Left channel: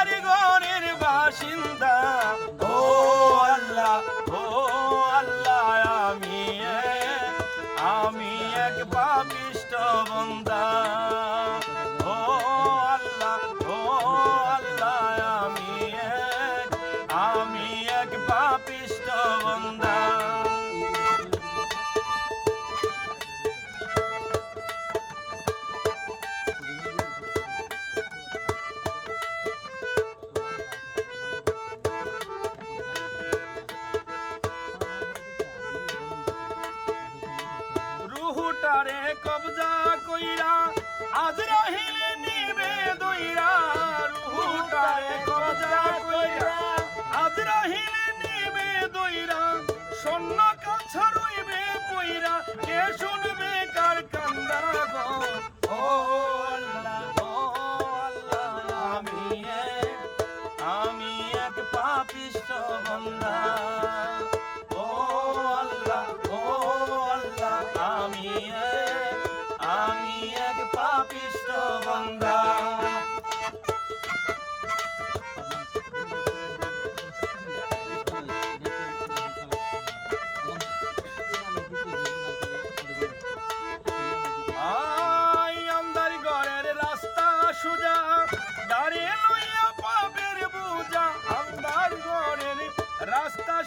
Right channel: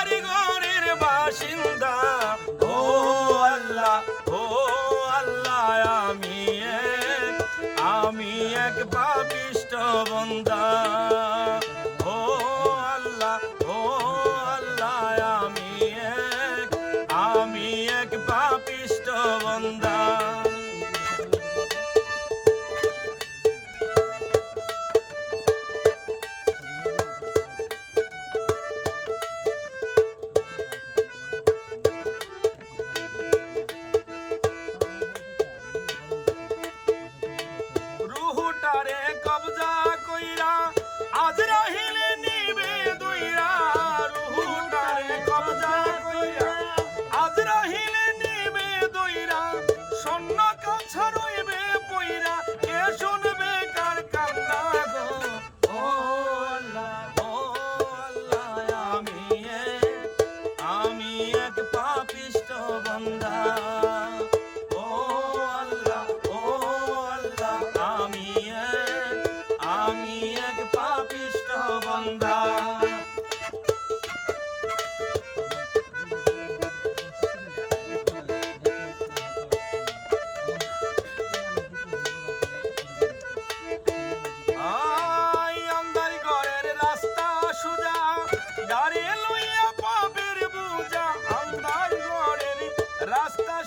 ಯಾರಿಗೋ রুহুটারে কবজা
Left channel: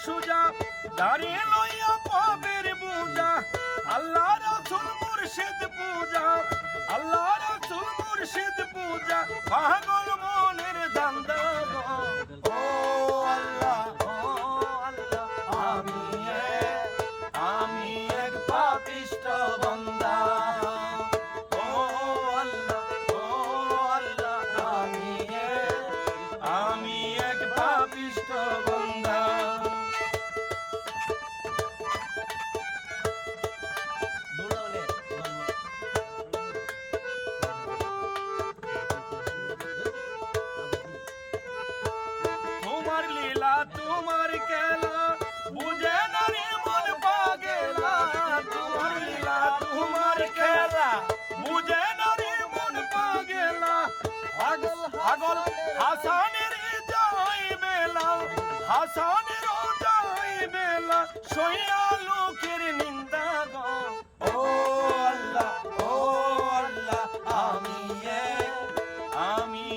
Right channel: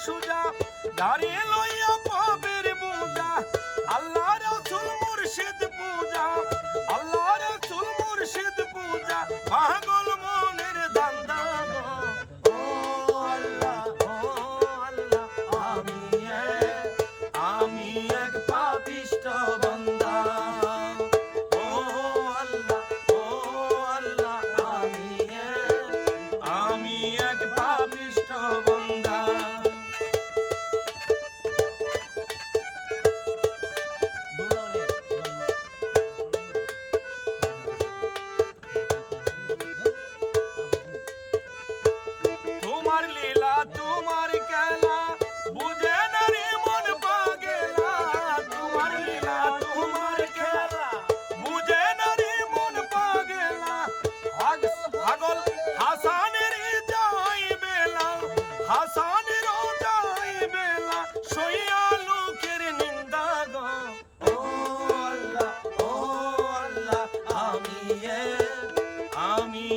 সুজা, দাঁড়িয়ে লইয়া পাবের বুজা আল্লাহ রসুল মুর্শিদ পূজা, আল্লাহ রসুল মুর্শিদ পূজা। পাগল মনের দান্দা আমি এক পাপিষ্ট তোমার লীলা, তোমার খেলা, বুঝে মন পাগেলা। তোমার লীলা, তোমার খেলা, বুঝে মন পাগেলা। পাগল পাগল হাসানের যাই বেলা হাসানের যাই বেলা সইয়া লোকের নিন্দা গো। ও আল্লাহ ও আল্লাহ, আমি আমি